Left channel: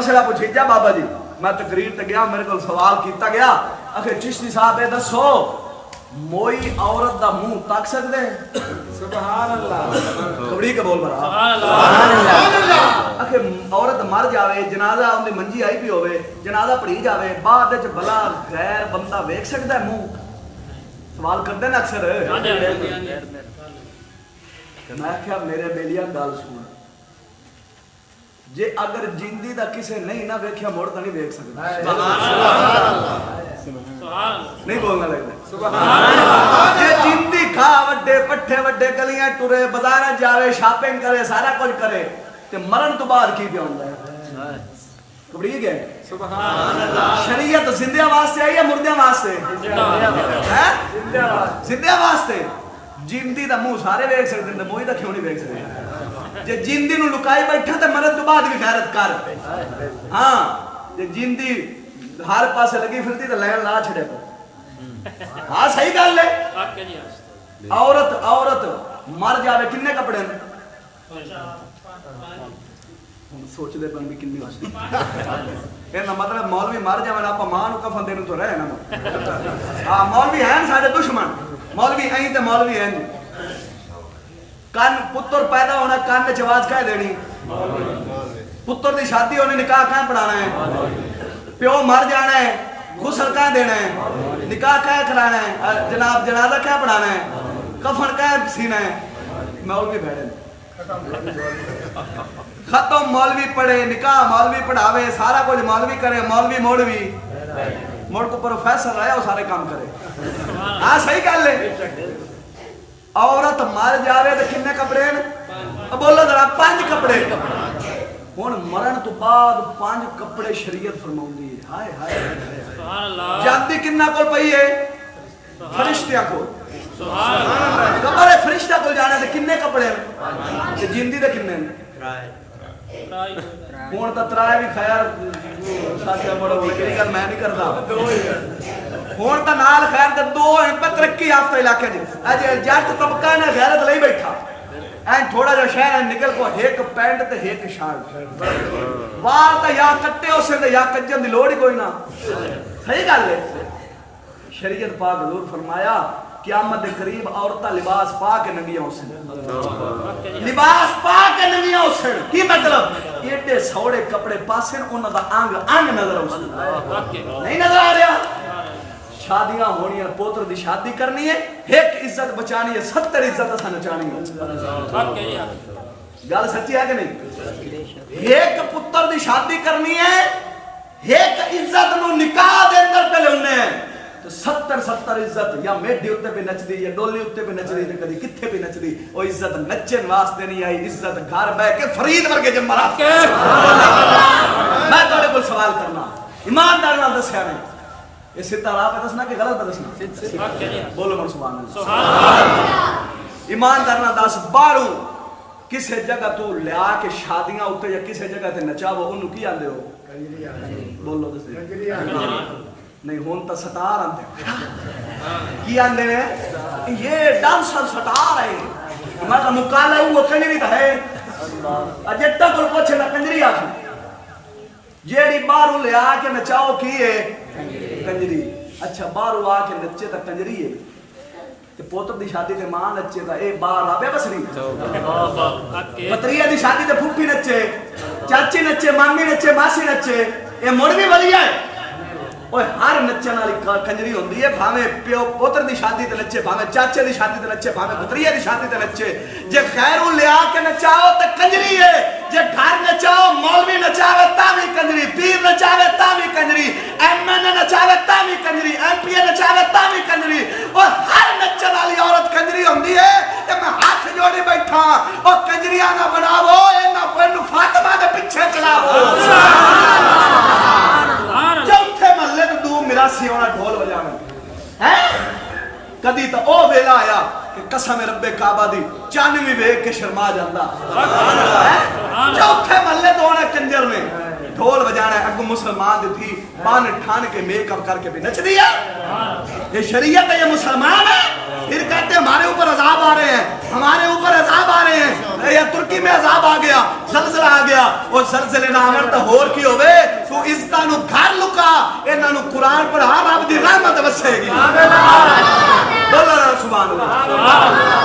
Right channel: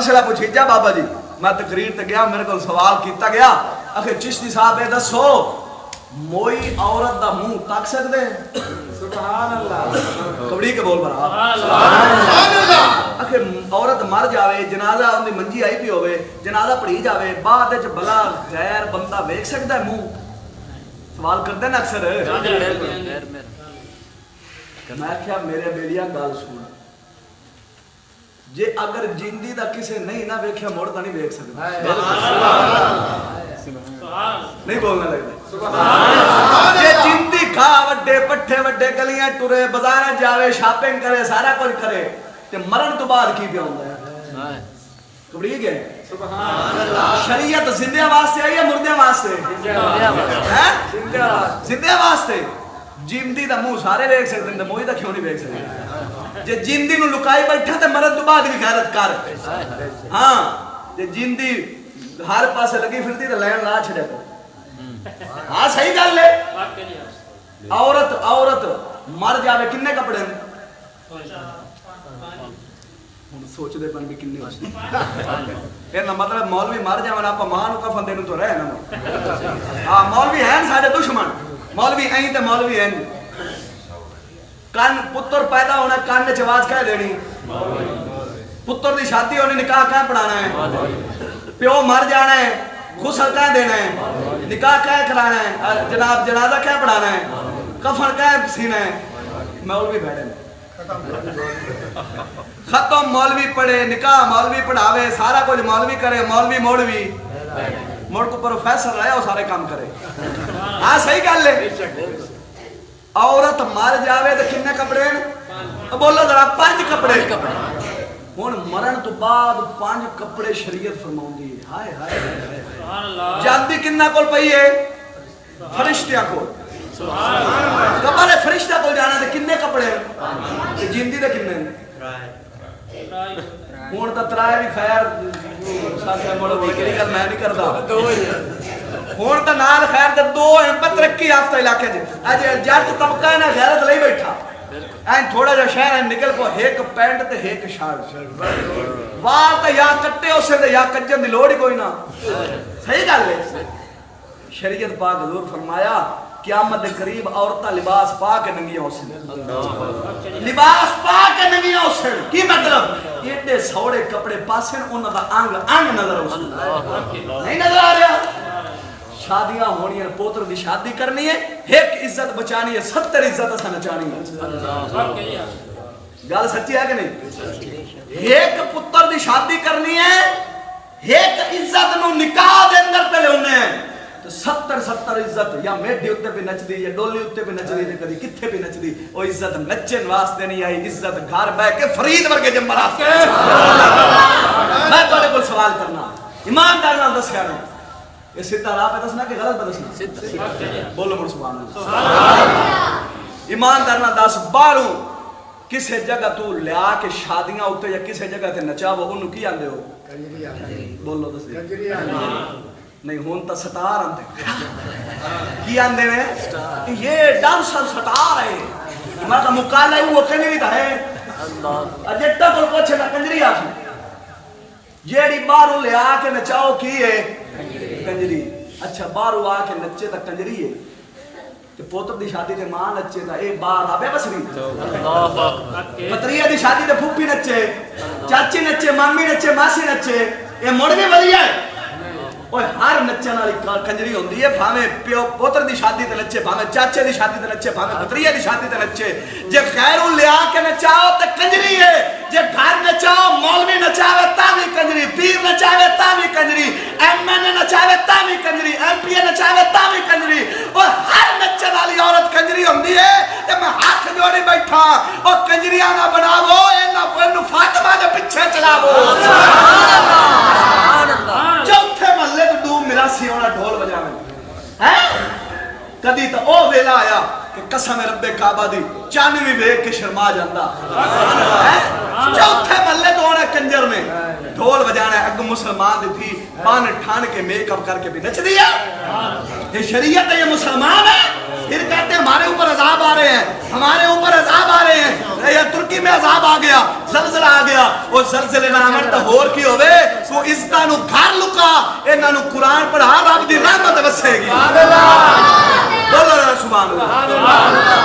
मसला पूछीजा बाबा जी, मैं तकरीर ते गया, मेरे को सवाल किया गया, आखिर चिश्ती साहब ये दसो मोई औरत दा मुंह तक सकदे? सुभान अल्लाह, कबड़ी के बोल बरा। आखिर औरत मर जावे, जनाजा उनकी मंजी आई भी होवे, जनाजा पढ़ी जावे, बाद विच भला गैर बंदा वेख सकदा है मुंह? सवाल करते ना अक्सर। मैं क्या मेरे बेलिया गल सुन, जे अगर जिंदी दा किसे नहीं ना वेख्या मुड़ तो नहीं वेख सकदा। नहीं बोलना लगता। जे जिंदी खा वड्डे पट्ठे वड्डे गलियां टुरे, बाजार जावे, शॉपिंग करे, सारा कुछ करे, ते मरण तो बाद की पिया हुंदा है? कबड़ी गए। शरीयत जिंदियां वास्ते आई या मुर्दियां वास्ते? जिंदियां वास्ते। जिंदी दा मुंह सारे वेख सकदे ने, मोई दा क्यों नहीं वेख सकदे? जे जिंदी नु लुकाई बैठा ते मरण तो बाद भी गैरत कर। हां, जे जिंदी हर पासे लगी फिरती तो लैन ला छड़े तो। हाँ सही गल है। औरत मर जावे किन्ने कपड़े सोचते पन भी किन्ने हो मतलब मौलवी मर जावे आप मां नु कफन देने तो रहे ना। हाँ मौलवी हैं साडे दुश्मन, मौलवी ऐ ते मौलवी हैं। कान पुत्र पैदा होना कान च आवाज कह देनी, पुत्र की शादी होनी निकाह कह पढ़ाना है, प्यो मर जाना है गुसल कह देना है, निकाह कह कराना है, जनाब जनाजा कह पढ़ाना है, कफन कह सीना है। मौलवी बैठे खत्म, मौलवी पढ़े, निकाह मौलवी पढ़ावे, सारा कुछ मौलवी करे, मौलवी मुड़ को प्रोफेसर रहे वो सारे काम करे। हाँ सही गल है। औरत मर जावे तो किन्ने कपड़े न? बोलो जरा 5 कपड़े। हुण मरण तो बाद 5 कपड़े शरीयत फरमाउंदी है। हाय हाय जाती किन्ना कोल पई है? फरिश्तियां कोल। कबर है फरिश्ता कोल जाना ते किन्ने कपड़े न? ते जिंदी दे किन्ने न? हुण तां त्राए भी खैर साथे मोड़ बोले केड़ी गल मैं नहीं करदा। हुण तां नाल खैर ते 2 हैं तरक्की याफ्ता इलाके च। अज जट तबका ने गैरत लई बैठा ऐ थोड़ा जा शहर निकल को एक पैंट ते एक शर्ट, वाल तो या कट्टे उसे ते या कज्जन दी लोड़ ही कोई ना। सही गल है। शरीयत पाक हजूर फरमाया क़यामत के करीब औरतां लिबास पा के नंगियां होसन, लिबास पा के नंगियां होसन। की मतलब? एडे सौड़े कपड़े पासन उन्हां दा अंग अंग नजर आउसन। नहीं नजर आ रहा? शादियां होनी है, पोत्र की शादी करनी है, एक इज्जत बचानी है, 70 इज्जत असा नचानी है। गल सच्ची है कि नहीं? एक पुत्र की शादी करनी है, एक इज्जत नु निकाह दे अंदर पे लेने हैं तो 70 इज्जत या मेढे उत्ते पे नचदी या डोली उत्ते पे नचदी ते कदी किथे पे नचदी। ओ इज्जत नचन वास्ते नहीं आई, इज्जत घर बैठ के फरीद वर्गे जमरात। मैं तुहाडे कोल सवाल करना, ईमानदार नाल दस्या नहीं, ये सीधा राह पे दसना कि गलत पे दसना? बोलो मुड़ सुभान अल्लाह। ईमानदार नाल दस, बाहरों किसे जगह तू लिया के शादियां उत्ते या किसे जगह ते नचावो ओनू की आंदे हो? बोलो दस। नहीं हुन तो सटार आंदे। की आंदे ने? ये डांसर सटार है। मैं तो मुकाला वो कंजरी दा है। अजट्टा कोल पूछे ना कंजरी आखी जेड़ी बाहरों ले आके नचाओ की है? कंजरी। अच्छा बाहरों आके नचे तो कंजरी है, ते पोत्र दी शादी ते मां नचे तो ए बाहर आवे बसरी। पतरिया दी शादी ते फूफी नचे, चाची नचे, मामी नचे, मासी नचे, ए मुड़ भी वलिया है। ओए हर नचन वाली कंजरी होंदी है, भावे प्यो पुत्र दी शादी ते नचे, भावे चाचे दी शादी ते नचे, भावे भतरिया दी शादी ते नचे। जे खैरू ले आके नचाओ ते कंजरी है, जे घर नचाओ मौलवी नचावे तावी कंजरी, पीर नचावे तावी कंजरी, एमएनए नचावे तावी कंजरी, एमपीए नचावे तावी कंजरी। और हर नचन वाली औरत कंजरी होंदी है। ते मैं हाथ जोड़ी बैठा, ओ कंजरियां ना बनावो, इन्हां को फातिमा दे पीछे चलावो। चौथे महल्ले तो डूब मिरासी होना ढोल बजावे है। कदी तो ओ वेला आया कि कसम रब्बे काबा दी चन भी वेख के शर्मा जाता है। चौथे महल्ले तो आना कंजर ने ढोल बजाना है, अग मुसलमान दी थी बन ठान के मेकअप करके भी नच दिया। ये शरीयत है, ये मुसलमान है। फिर कहते हैं हमारे ऊपर अजाब आ रहे हैं, हमारे ऊपर अजाब आ रहे हैं। या तुर्की में अजाब आ गया, ज़लज़ला आ गया, वो ज़लज़ले ना आवन तो होर की होवे। तू इज्जतां नू घर लुका, इन्हां नू कुरान पढ़ा, रब दी रहमत वसेगी। बोलो सुभान अल्लाह।